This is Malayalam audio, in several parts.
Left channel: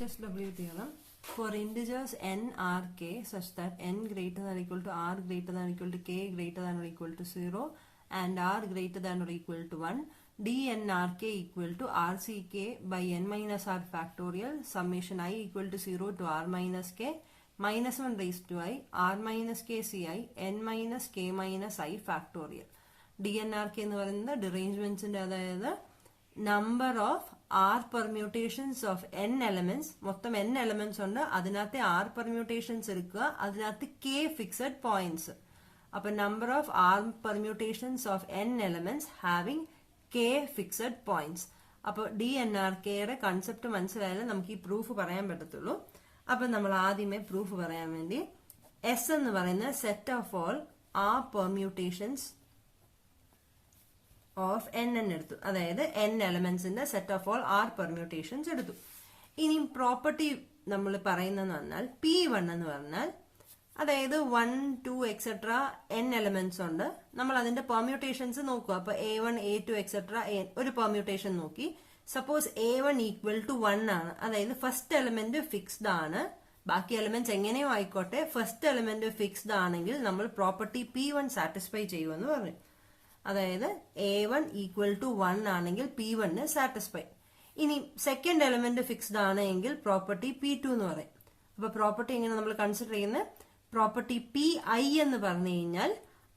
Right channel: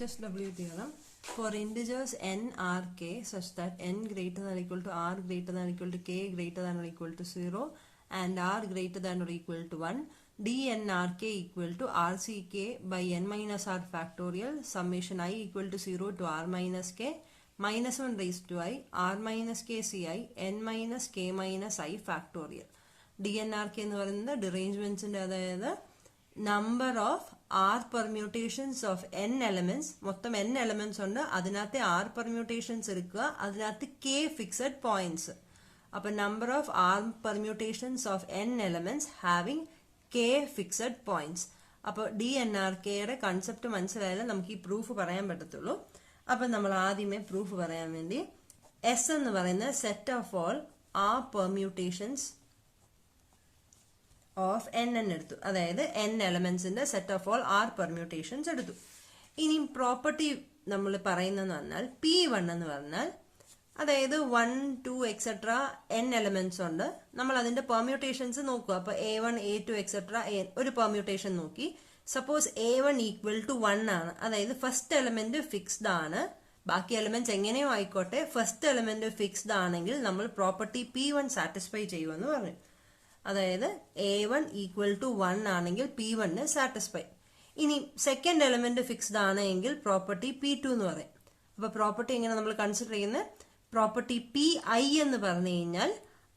HSW theorem. For integers n, r, k such that n greater than or equal to r greater than or equal to k greater than or equal to 0 and r greater than or equal to 1, dnrk equal to rck by n minus r factorial summation I equal to 0 to r minus k minus 1 raised to I r minus k ci n minus k minus I factorial. dnrk എന്ന് പറയുന്നത് ഡിറേഞ്ച്മെന്റ്സിന്റെ അതായത് number of r permutations of n elements മൊത്തം n elements ഉണ്ട് അതിനകത്തെ r permutations എടുക്കുക അതിനകത്ത് k fixed points അപ്പോൾ number of r permutations of n elements having k fixed points അപ്പോൾ DNRK യുടെ കൺസെപ്റ്റ് മനസ്സിലായാലും നമുക്ക് ഈ പ്രൂഫ് പറയാൻ പറ്റത്തുള്ളൂ അപ്പോൾ നമ്മൾ ആദ്യമേ പ്രൂഫ് പറയാൻ വേണ്ടി S എന്ന് പറയുന്ന set of all r permutations of n എടുത്തു അതായത് n elements in the set of all r permutations എടുത്തു ഇനി പ്രോപ്പർട്ടി നമ്മൾ പറയുന്നതെന്ന് പറഞ്ഞാൽ P1 എന്ന് പറഞ്ഞാൽ അതായത് 1 2 എക്സെട്ര n എലമെന്റ്സ് ഉണ്ട് നമ്മൾ അതിന്റെ പെർമ്യൂട്ടേഷൻസ് നോക്കുക അപ്പോൾ A1 A2 എക്സെട്ര ഒരു പെർമ്യൂട്ടേഷൻ നോക്കി സപ്പോസ് A1 ഈക്വൽ ടു 1 ആണ് അതായത് ഫസ്റ്റ് എലമെന്റ് ഫിക്സ്ഡ് ആണ് ബാക്കി എലമെന്റ്സ് എങ്ങനെയോ ആയിക്കോട്ടെ ഫസ്റ്റ് എലമെന്റ് ഫിക്സ്ഡ് ആണെങ്കിൽ നമ്മൾ പ്രോപ്പർട്ടി P1 സാറ്റിസ്ഫൈ ചെയ്യുമെന്ന് പറയും അതായത് A1 ഈക്വൽ ടു 1 ആണെങ്കിൽ P1 സാറ്റിസ്ഫൈ ഇനി സെക്കൻഡ് എലമെന്റ് ഫിക്സ്ഡ് ആണെങ്കിൽ പ്രോപ്പർട്ടി P2 എന്ന് പറയും അപ്പൊ പ്രോപ്പർട്ടി എങ്ങനെ നമ്മൾ കൺസിഡർ ചെയ്യുന്നത് പ്രോപ്പർട്ടി PI എന്ന് പറഞ്ഞു കഴിഞ്ഞാൽ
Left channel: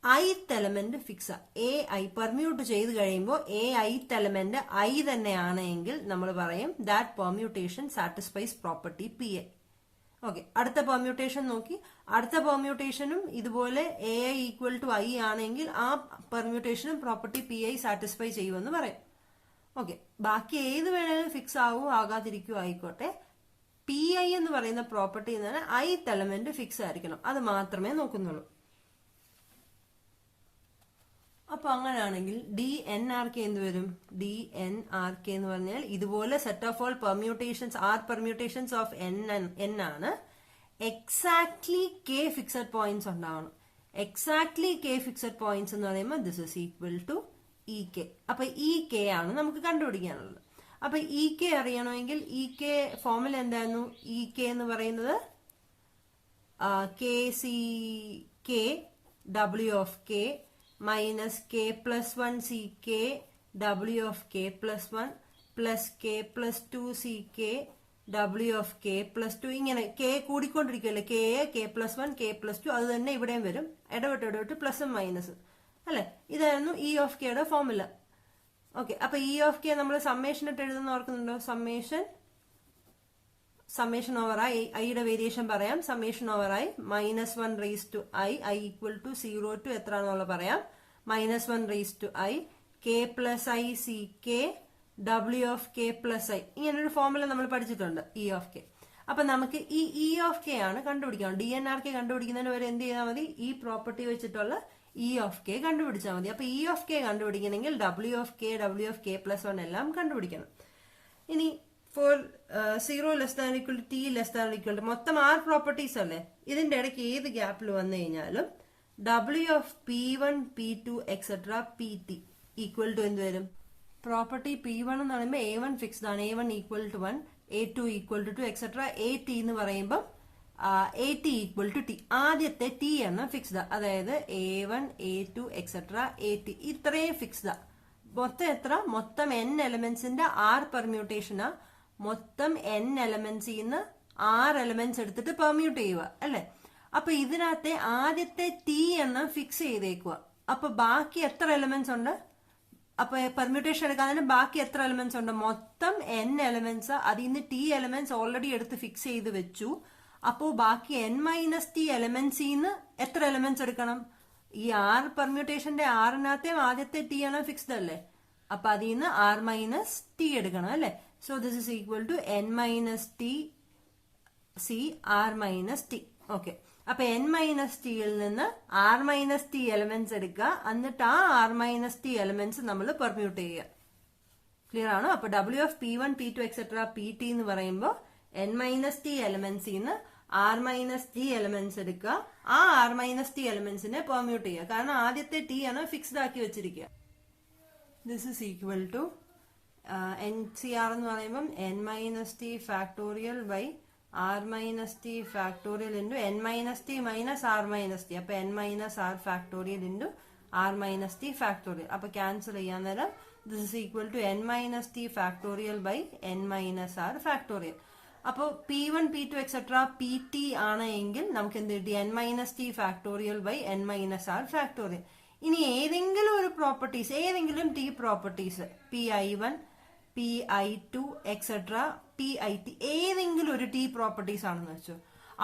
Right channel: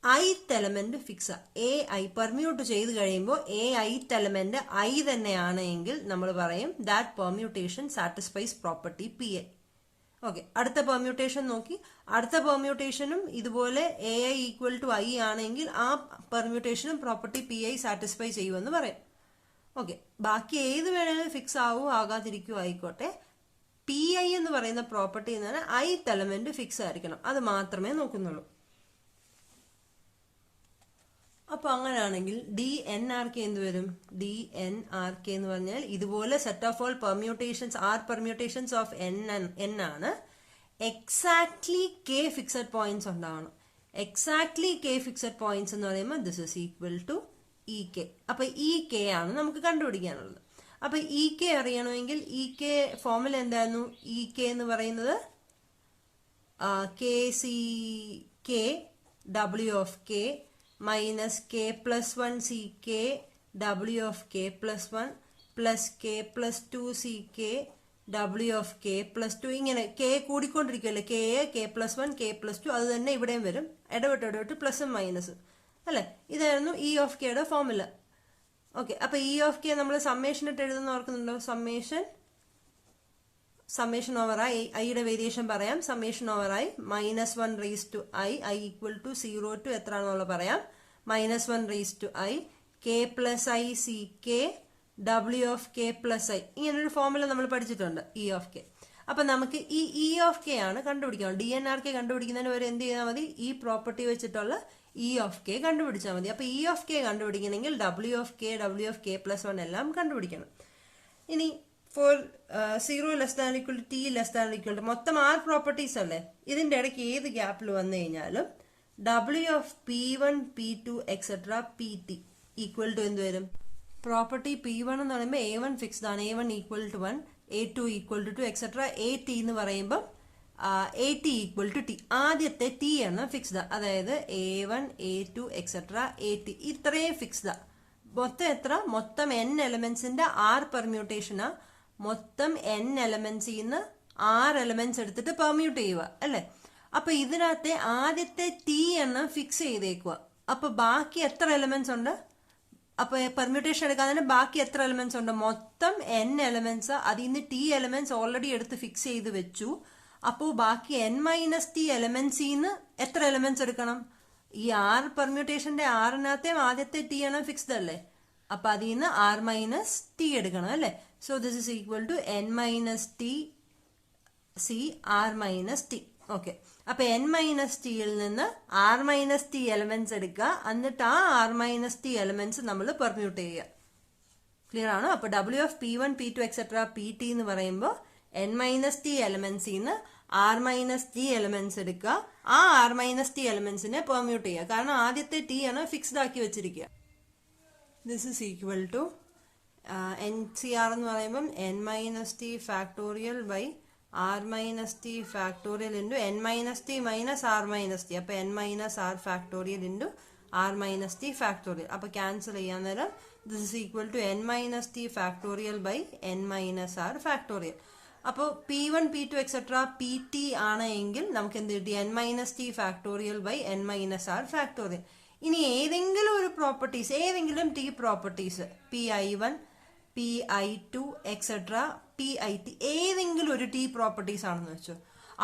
ith element fix AI permute ചെയ്ത് കഴിയുമ്പോൾ ith എലമെന്റ് I തന്നെയാണെങ്കിൽ നമ്മൾ പറയും that permutation satisfies property PI okay അടുത്ത പെർമ്യൂട്ടേഷൻ നോക്കി അടുത്ത പെർമ്യൂട്ടേഷനും ഇതുപോലെ AI ഈക്വൽ ടു I ആണെങ്കിൽ ആ പെർമ്യൂട്ടേഷനും പ്രോപ്പർട്ടി PI സാറ്റിസ്ഫൈ ചെയ്യുമെന്ന് പറയും ഓക്കെ ബാക്കി ഏത് വേണേലും ഫിക്സ് ആവോ ആകാതിരിക്കുവോ ആയിക്കോട്ടെ PI എന്ന് പറയുന്ന പ്രോപ്പർട്ടി എന്ന് പറഞ്ഞാൽ ith എലമെന്റ് ഫിക്സ് ആയിരിക്കണം അത് മാത്രമേ നോക്കുന്നുള്ളൂ അപ്പൊ അങ്ങനെയാണെങ്കിൽ DNRK എന്ത് വരും DNRK എന്ന് പറഞ്ഞാൽ ഇതുപോലെ set of all permutations are permutations of n ആണ് എക്സാക്ട്ലി k ഫിക്സഡ് പോയിന്റ്സ് ഉണ്ടാവണം എക്സാക്ട്ലി k ഫിക്സഡ് പോയിന്റ്സ് എന്ന് പറയുമ്പോൾ this is equal to EK അപ്പൊ EK ആണ് നമുക്ക് കണ്ടുപിടിക്കാനുള്ളത് അപ്പൊ EK അറിയണമെങ്കിൽ EK ഫോർമുല എന്തായിരുന്നു EK എന്ന് പറയുന്നത് KCK W of K minus k plus 1 ck w of k plus 1 plus k plus 2 ck w of k plus 2 ഇങ്ങനെ k കൂടിക്കൊണ്ടിരിക്കുമല്ലേ k plus 1 k plus 2 അത് തന്നെ ഇവിടെയും വരും ഇടവിട്ട് പ്ലസും മൈനസും അല്ലെ ഇതായിരുന്നു E of k യുടെ ഫോർമുല ഓക്കെ അപ്പൊ E of k നമ്മൾ സമ്മേഷൻ ഇട്ട് എഴുതുന്ന ഓർക്കുന്നുണ്ടോ സമ്മേഷൻ ഓവർ ഐ യുടെ വേരിയേഷൻ പറയാം summation over I minus 1 raise to I equal to 0 to എത്ര ആണെന്നുള്ള പറയാം minus 1 raise to I K plus I C K W of K plus I ഇങ്ങനൊരു ഫോർമുല നമ്മൾ പഠിച്ചിട്ടുണ്ട് ഇ ഓഫ് കെ അപ്പൊ നമുക്ക് ഈ ഇ ഓഫ് കെ ആണ് കണ്ടുപിടിക്കണം DNRK കണ്ടുപിടിക്കുന്നതിന് വരെ എന്ത് ചെയ്താൽ മതി ഈ പ്രോപ്പർട്ടി വെച്ചിട്ടുള്ള ഇ ഓഫ് കെ കണ്ടുപിടിച്ചാൽ മതി അപ്പൊ ഇ ഓഫ് കെ കണ്ടുപിടിക്കണമെങ്കിൽ ഡബ്ല്യു ഓഫ് കെ പ്ലസ് 1 എല്ലാം കണ്ടുപിടിക്കണം ഇനി for 0 less than equal to t less than equal to മൊത്തം 6 പ്രോപ്പർട്ടീസ് അല്ലേ ഇതിന്റെ ഇടയ്ക്ക് ഏത് ഗ്യാപ്പിൽ വന്നു കഴിഞ്ഞാലും W of P1 P2 etcetera PT equal to എന്ത് വരും പ്രോപ്പർട്ടി P1 എന്ന് പറയുമ്പോൾ A1 ഫിക്സ്ഡ് ആണ് A1 equal to 1 A2 equal to 2 etcetera AT എന്ന് പറയുമ്പോൾ AT ഈക്വൽ ടു T ആദ്യത്തെ T എണ്ണം ഫിക്സ്ഡ് അതായത് A1 A2 എക്സെട്ര AT ഇത്രയും ഫിക്സ്ഡ് മൊത്തം എത്ര മൊത്തം n എലമെന്റ്സിന്റെ r പെർമ്യൂട്ടേഷനാ മൊത്തം n എലമെന്റ്സിൽ നിന്ന് r എലമെന്റ്സ് എടുത്തിട്ട് പെർമ്യൂട്ട് ചെയ്യുക അല്ലെ അപ്പൊ ഇതിനകത്തെ ആദ്യത്തെ T എണ്ണം ഫിക്സ് ചെയ്തേക്കുക അപ്പൊ ബാക്കി എത്ര എലമെന്റ്സ് ഉണ്ട് അപ്പൊ പെർമ്യൂട്ടേഷൻ എടുക്കാതെ ബാക്കി എത്ര എലമെന്റ്സ് ഉണ്ട് മൊത്തം n എലമെന്റ്സ് അതിൽ നിന്ന് T എലമെന്റ്സ് ഓൾറെഡി എടുത്ത് ഫിക്സ് ചെയ്ത് വെച്ചു അപ്പോ ബാക്കി n മൈനസ് T എലമെന്റ്സിൽ നിന്ന് എത്ര എലമെന്റ്സ് എടുക്കണം ഈ r പെർമ്യൂട്ടേഷന്റെ ആറിനകത്തെ ആദ്യത്തെ T എണ്ണം ഫിക്സ്ഡ് അല്ലേ അപ്പൊ അതിൽ നിന്ന് r മൈനസ് T എടുക്കണം അല്ലെ so this is equal to n minus T C r minus T okay അപ്പൊ n മൈനസ് ടിയിൽ നിന്ന് r മൈനസ് T എലമെന്റ്സ് എടുക്കുക എന്നിട്ട് ആ r മൈനസ് T എലമെന്റ്സ് നമ്മൾ പെർമ്യൂട്ട് ചെയ്യുക ക്ലിയർ ആണോ അപ്പൊ W of P1 P2 etcetera PT എന്ന് പറയുമ്പോൾ n മൈനസ് T എലമെന്റ്സിൽ നിന്ന് r മൈനസ് T എലമെന്റ്സ് എടുക്കുക ആ r മൈനസ് T എലമെന്റ്സിനെ പെർമ്യൂട്ട് ചെയ്യുക കാരണം ആദ്യത്തെ T ആണ് ഫിക്സ്ഡ് ആക്കി വെച്ചിരിക്കുക this is equal to NCR എന്ന് പറയുമ്പം n minus T factorial by r minus T factorial into n minus T minus r minus T. അപ്പൊ n minus r factorial into r minus T factorial. അപ്പൊ ക്യാൻസൽ ചെയ്യാൻ നേരം this is equal to n minus T factorial by n minus r factorial. അപ്പോൾ P1 P2 എക്സെട്ര PT ആണ് എങ്കിൽ നമുക്ക് എന്ത് കിട്ടി? n minus T factorial by n minus r factorial. ഇനി ഏതെങ്കിലും ഒരു പ്രോപ്പർട്ടീസ്, ഏതെങ്കിലും T properties PI1 PI2 etcetera PIT ഏതെങ്കിലും ഒരു ടി പ്രോപ്പർട്ടീസ് ആണെന്ന് വെച്ചു.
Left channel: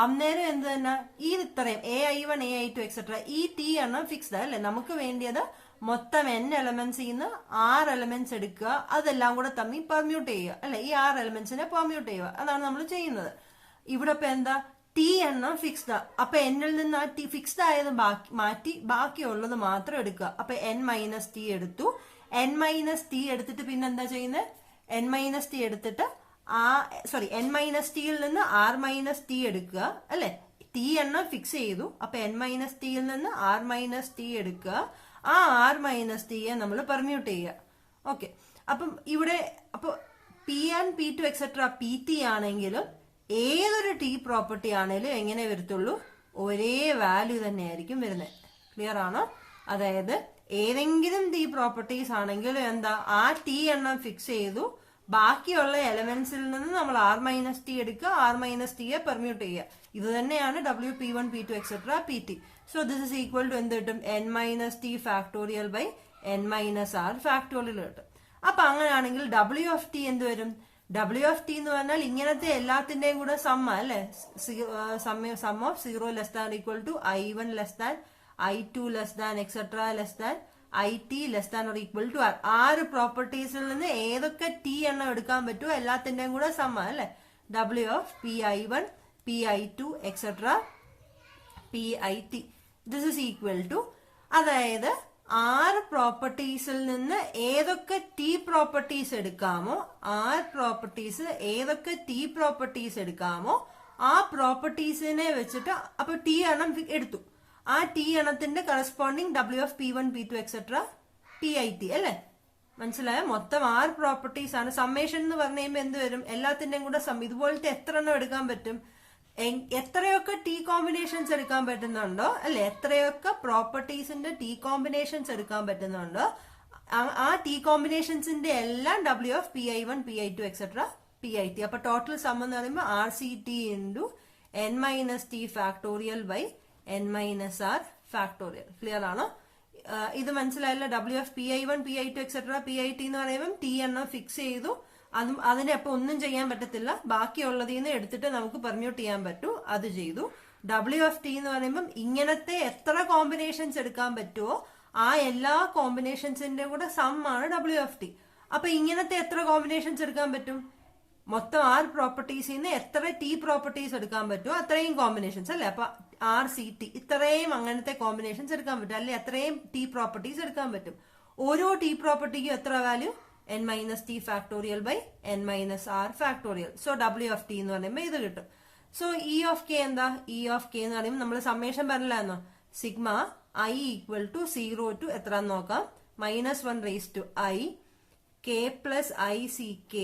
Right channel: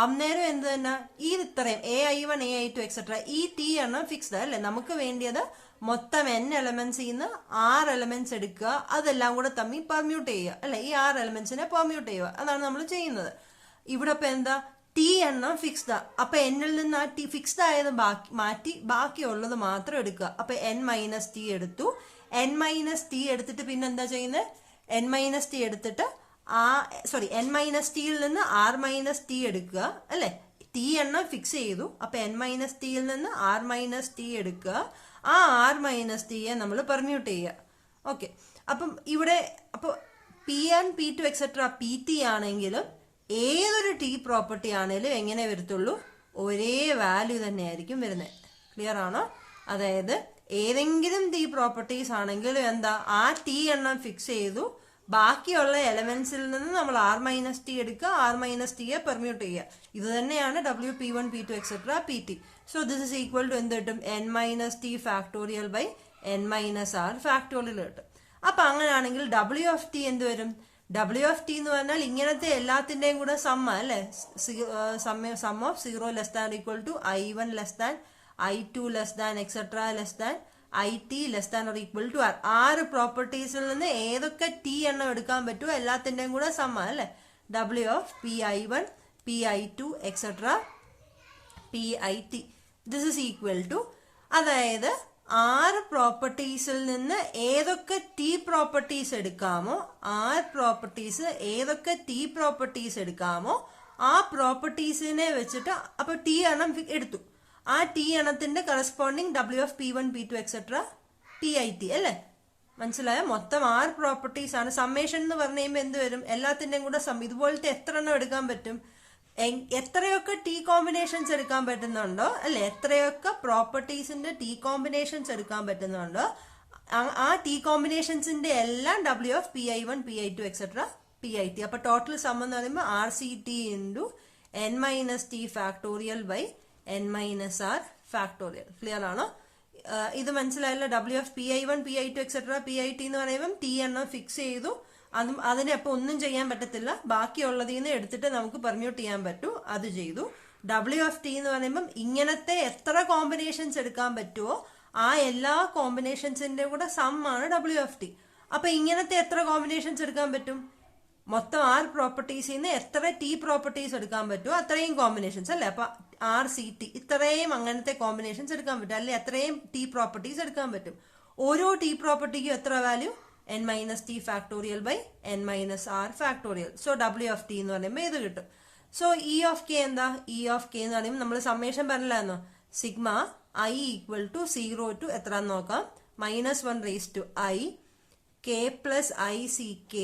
അന്നേരം എന്ത് തന്നെ ഈ ഇത്രയും AI1 AI2 എക്സെട്ര ഈ ടി എണ്ണം ഫിക്സ്ഡ് അല്ലേ? നമുക്ക് വേണ്ടിയത് മൊത്തം n എലമെന്റ്സ് നിന്ന് 6 എലമെന്റ്സ് എടുക്കുക, അതെല്ലാം കൂടെ തമ്മിൽ പെർമ്യൂട്ട് ചെയ്യുക അല്ലെ? ഈ 6 എലമെന്റ്സിനെ പെർമ്യൂട്ട് ചെയ്യുക, അതാണ് നമ്മൾ ചെയ്യുന്നത്. ഇവിടെ ഇപ്പൊ എന്താ? ടി എണ്ണം ഫിക്സ്ഡ്. അപ്പൊ എന്നിൽ നിന്ന് ആ ടി ഫിക്സ്ഡ് ആയത് മാറ്റി ബാക്കിയുള്ളത് മാത്രം എടുക്കുക. അപ്പൊ n മൈനസ് ടി എടുത്തു. n മൈനസ് ടി എടുത്തിട്ട് പിന്നെ എന്താ ചെയ്യുന്നത്? n മൈനസ് ടി എടുത്തിട്ട് n മൈനസ് ടിയിൽ നിന്ന് r മൈനസ് ടി എടുക്കുക അല്ലെ? ടി എണ്ണം ഫിക്സ് ചെയ്തു. അപ്പൊ n മൈനസ് ടിയിൽ നിന്ന് r മൈനസ് ടി എടുക്കുക. ആ r മൈനസ് ടിയെ നമ്മൾ പെർമ്യൂട്ട് ചെയ്യുക. ഓക്കെ, അപ്പം ഇവിടെ അപ്പൊ P1 P2 എക്സെട്ര PT ആണെങ്കിലും ഏതൊരു ടി പ്രോപ്പർട്ടി ആണെങ്കിലും എങ്ങനെ വരത്തുള്ളൂ? ഒരേ വാല്യൂ തന്നെ ആയിരിക്കും വരുന്നത്. ക്ലിയർ ആണോ? അതായത് ഏതെങ്കിലും ടി പ്രോപ്പർട്ടീസ് ആണെങ്കിലും എന്താ, ആ ടി എണ്ണം ഫിക്സ് ചെയ്തു, ബാക്കിയുള്ള എലമെന്റ്സിൽ നിന്ന് നമ്മൾ r മൈനസ് ടി എടുക്കുക, r മൈനസ് ടിയെ പെർമ്യൂട്ട് ചെയ്യുക. ഇത് തന്നെയാണ് P1 P2 etcetera PT. So this is equal to എന്ത് കിട്ടും? n minus T factorial by n minus r factorial കിട്ടും. അപ്പൊ അങ്ങനെയാണെങ്കിൽ W ഓഫ് ടി എന്ത് വരും? W ഓഫ് ടി എന്ന് പറഞ്ഞാൽ ഇങ്ങനത്തെ എല്ലാത്തിന്റെയും കൂടെ സമ്മ അല്ലെ? Sum of 0 less than equal to I1 less than I2 less than etcetera less than IT less than or equal to R. 6 പ്രോപ്പർട്ടീസിൽ നിന്ന് ഏതൊക്കെ ടി എണ്ണം എടുക്കാൻ പറ്റുമോ എല്ലാത്തിന്റെയും കൂടെ സമ്മ അല്ലെ? W of PI1 PI2 etcetera PIT. This is equal to, അതായത് 6 പ്രോപ്പർട്ടീസിൽ നിന്ന് ഏതൊക്കെ ടി പ്രോപ്പർട്ടീസ് എടുക്കാമോ, 6 പ്രോപ്പർട്ടീസ് ഏതൊക്കെ ടി പ്രോപ്പർട്ടീസ് എടുക്കാമോ ആ പ്രോപ്പർട്ടീസിനെ വെച്ചിട്ട് അപ്പൊ ടി എണ്ണം എടുത്തു. ആ ടി എണ്ണത്തിന്റെ corresponding W of P1 P2 etcetera PIT അല്ലെ? മനസ്സിലായോ? മൊത്തം 6 പ്രോപ്പർട്ടീസ് ആണ്. സമ്മേഷൻ എന്ന് പറഞ്ഞു കഴിയുമ്പോൾ എന്ത് വരും? എല്ലാത്തിന്റെയും കൂടെ ഇതുപോലത്തെ എത്ര എണ്ണം എടുക്കാൻ പറ്റും? എത്രയൊക്കെ ടി കോമ്പിനേഷൻസ് എടുക്കാൻ പറ്റുന്നുണ്ടോ അല്ലെ? എത്രയൊക്കെ പ്രോപ്പർട്ടീസിന്റെ ടി കോമ്പിനേഷൻസ് എടുക്കാൻ പറ്റുന്നുണ്ടോ ആ ടി കോമ്പിനേഷൻസിന്റെ എല്ലാം W of PI1 PI2 etcetera PIT. അപ്പൊ ടോട്ടൽ സം എന്ന് പറയുമ്പോൾ RCT into n minus T factorial by n minus r factorial. Clear ആണോ? ഇത് മനസ്സിലായല്ലോ? W of PI1 PI2 etcetera PIT എന്ന് പറയുമ്പോൾ ടി എണ്ണം ഫിക്സ് ചെയ്തു. അതിനെ അപ്പൊ ഒന്നും ചെയ്യാൻ പറ്റത്തില്ല, ബാക്കിയുള്ളതിൽ നിന്ന് എടുത്തിട്ട് നമുക്ക് പെർമ്യൂട്ട് ചെയ്യാൻ പറ്റൂ, അത് ചെയ്തു. W ഓഫ് ടി എന്ന് പറയുമ്പോൾ ഇങ്ങനത്തെ എത്ര കോമ്പിനേഷൻസ് എടുക്കാൻ പറ്റുമോ ആ എല്ലാ കോമ്പിനേഷൻസിന്റെ കൂടെ സം ആണ് W ഓഫ് ടി. അപ്പൊ ഇങ്ങനത്തെ എത്ര കോമ്പിനേഷൻസ് എടുക്കാൻ പറ്റും? മൊത്തം 6 പ്രോപ്പർട്ടീസിൽ നിന്ന് എത്ര ടി പ്രോപ്പർട്ടീസ് എടുക്കാൻ പറ്റുമോ അത്രയും കോമ്പിനേഷൻസ് അല്ലെ? അപ്പൊ RCT ഇത്രയും അങ്ങനത്തെ കോമ്പിനേഷൻസ് എടുക്കാൻ പറ്റും, അല്ലെ? അത്രയും ടി പ്രോപ്പർട്ടീസ് എടുക്കാൻ പറ്റും. ഓരോ ടി പ്രോപ്പർട്ടിക്കും എത്ര value? n minus T factorial by n minus r factorial. So W of T എന്ന് പറയുമ്പോൾ ഇത് കിട്ടും. സോ E ഓഫ് കെ എന്താ? E ഓഫ് കെ എന്ന് പറയുമ്പോൾ നമ്മൾ സമ്മേഷൻ പറഞ്ഞില്ലായിരുന്നോ? Sigma I equal to 0 to എത്ര നോക്കാം? -1 raise to I k plus ICK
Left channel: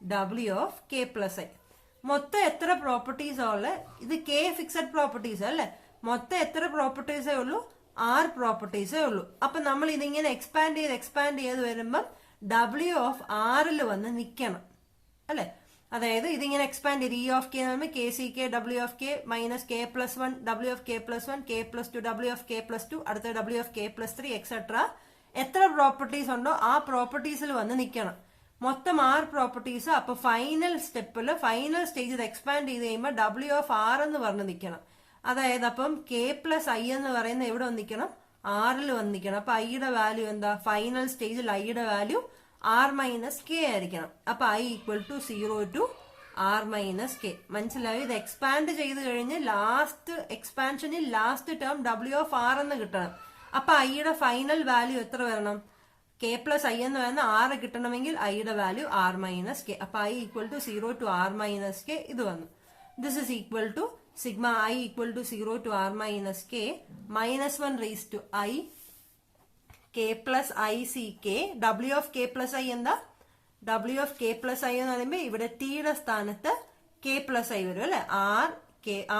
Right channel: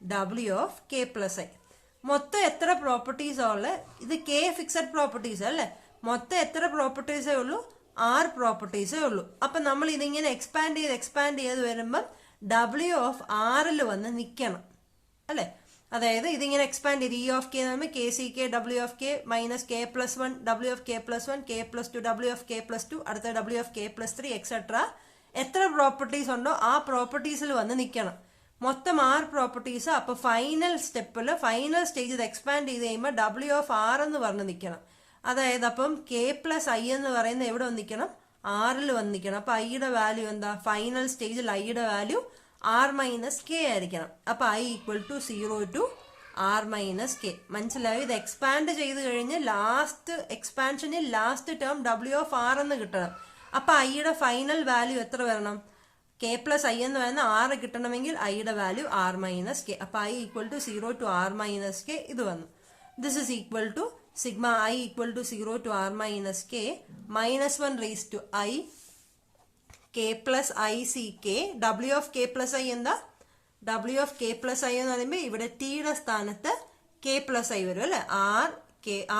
W of k plus I. മൊത്തം എത്ര പ്രോപ്പർട്ടീസ് ഉള്ള? ഇത് k ഫിക്സഡ് പ്രോപ്പർട്ടീസ് അല്ലെ? മൊത്തം എത്ര പ്രോപ്പർട്ടീസേ ഉള്ളൂ? 6 പ്രോപ്പർട്ടീസേ ഉള്ളൂ. അപ്പൊ നമ്മൾ ഇതിങ്ങനെ എക്സ്പാൻഡ് ചെയ്ത് വരുമ്പം W ഓഫ് ആറിൽ വന്ന് നിൽക്കണം അല്ലെ? അതായത് ഇതിങ്ങനെ എക്സ്പാൻഡ് ചെയ്ത് E ഓഫ് കെ എന്ന് പറയുമ്പോൾ KCK W of K minus k plus 1 W of k plus 1 k plus 2 W of k plus 2 അടുത്ത W of k plus 3 etcetera. എത്ര പ്രോപ്പർട്ടീസ് ഉണ്ടോ ആ പ്രോപ്പർട്ടീസിൽ വന്ന് നിൽക്കണം. മൊത്തം 6 പ്രോപ്പർട്ടീസ്. അപ്പൊ ഫൈനൽ സ്റ്റെപ്പിൽ ഫൈനൽ സ്റ്റേജ് ഇത് എക്സ്പാൻഡ് ചെയ്ത് കഴിയുമ്പോൾ W ഓഫ് R എന്ന് പറഞ്ഞ് നിൽക്കണം. അതായത് അപ്പം k പ്ലസ് I എന്ന് പറയുന്ന എവിടെ വന്നിരിക്കണം? ആറിൽ വന്നിരിക്കണം. അപ്പൊ ഐയുടെ വാല്യൂ എന്താ? ഫൈനൽ സ്റ്റേജിൽ ഐയുടെ വാല്യൂ R മൈനസ് കെ ആയിരിക്കണം. അപ്പൊ I equal to 0 to R minus K. മനസ്സിലായോ? ഇത് എക്സ്പാൻഡ് ചെയ്ത് കഴിഞ്ഞ് ലാസ്റ്റ് എക്സ്പാൻഷനിൽ last term W of R എന്ന് കിട്ടണം. അപ്പൊ ഐയുടെ ഫൈനൽ വാല്യൂ എത്ര വരണം? k പ്ലസ് I എന്ന് പറയുന്ന 6 കിട്ടണമെങ്കിൽ ഐയുടെ വാല്യൂ R മൈനസ് കെ. അപ്പൊ I equal to 0 to R minus K ഇത് വന്നു. This is equal to sigma I equal to 0 to R minus K -1 raise to I k plus ICK W of k plus I എന്താ? W of k plus i എന്ന് പറയുമ്പോൾ ഇവിടെ ടിയുടെ സ്ഥാനത്ത് k plus i വരും അല്ലെ.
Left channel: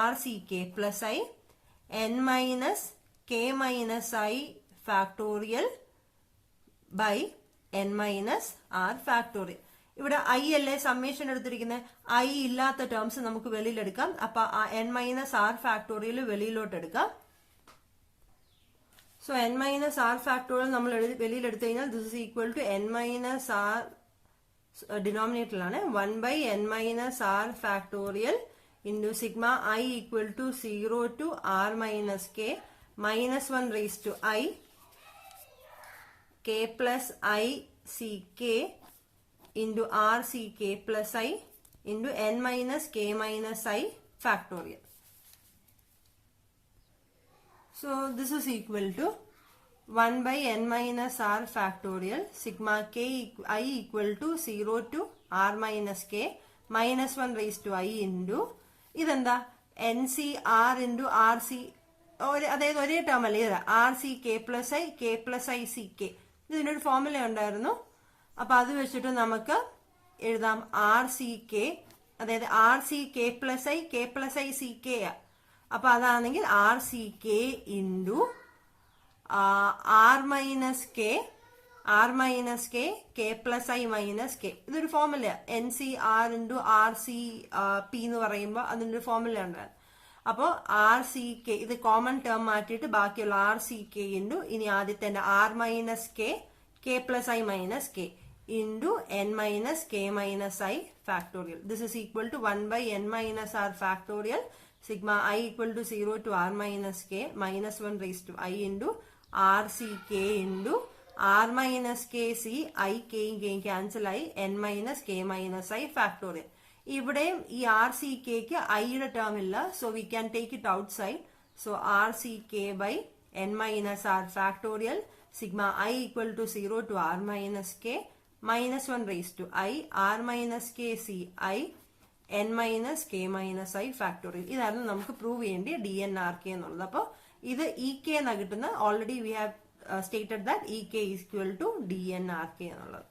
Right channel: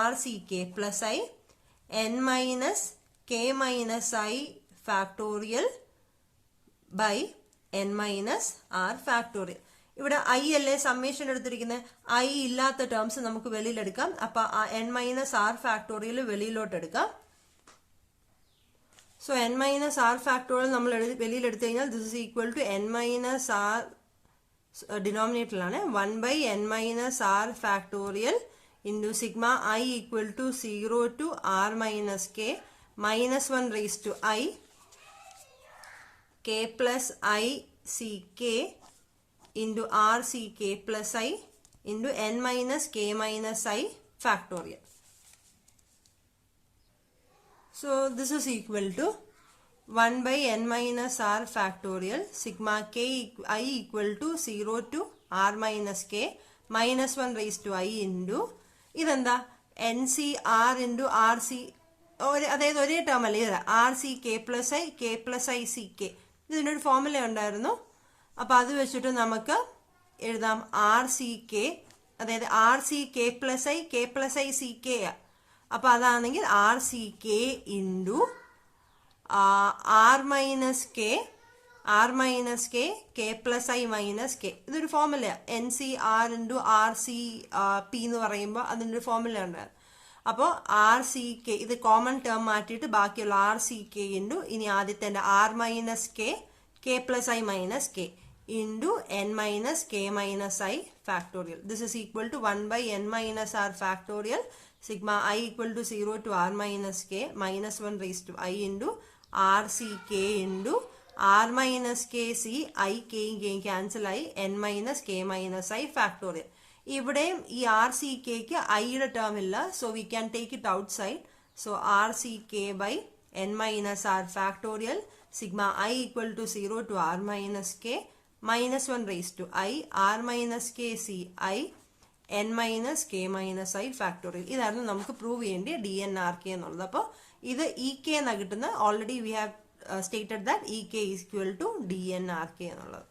R C k plus i n minus k minus i factorial by n minus r factorial. ഇവിടെ ഐ അല്ലേ സമ്മേഷൻ എടുത്തിരിക്കുന്നത്, ഐ ഇല്ലാത്ത ടേംസ് നമുക്ക് വെളിയിലെടുക്കാം. അപ്പൊ n minus r factorial വെളിയിലോട്ട് എടുക്കാം. So n minus r factorial നമ്മൾ വെളിയിലെടുത്തു കഴിഞ്ഞാൽ this is equal to n minus r ഡിനോമിനേറ്ററിലാണ് 1 by n minus r factorial into sigma I equal to 0 to r minus k minus 1 raised to I k plus I c k into r c k plus I into n minus k minus I factorial. So this is equal to 1 by n minus r factorial sigma k I equal to 0 to r minus k minus 1 raised to I into ഇതെന്താ N C R into R C, അതായത് ഒരേ ടേം അല്ലേ ഇത്, R C K plus I C K. ഇതിൻ്റെ ഒരു ഫോർമുല ഉണ്ടായിരുന്നു. അപ്പൊ അത് വെച്ചിട്ട് നമുക്ക് എഴുതാം ആർ സി കെ, അതായത് R C K plus I C K. അപ്പൊ അതാണെങ്കിൽ R C K into R minus K K plus I minus K. ഇതൊരു formula, N C R into R C P എന്ന് പറയുമ്പോൾ അതിൻ്റെ ഒരു ഫോർമുല ഉണ്ട്. അപ്പോൾ ആർ സി കെ ഇത് കോമൺ ടേം മാറ്റിയിട്ട് ബാക്കിയുള്ള ആർ സി കെ ഇൻറ്റു ഇനി ആദ്യത്തെ R minus K plus I minus K into N minus K minus I factorial. This is equal to 1 by n minus r factorial sigma I equal to 0 to r minus k minus 1 raised to I into r c k into r minus k c I k cancel I n minus k minus I factorial. ഇവിടെയും ഈ ആർ സി കെക്ക് ഐയുടെ ടേം ഇല്ല, so we can take it outside. So R C K by N minus R factorial sigma I equal to 0 to R minus K minus 1 raise to I R minus K C I N minus K minus I factorial. ഇതായിരുന്നു നമുക്ക് പ്രൂവ് ചെയ്യേണ്ടി ഡി എൻ ആർ കെ എന്നുള്ളത്. അപ്പോൾ ഇത് ഇ കെ എന്നാണ് കിട്ടുന്നത്. Already we have stated that E k is equal to d n r k എന്നുള്ളത്.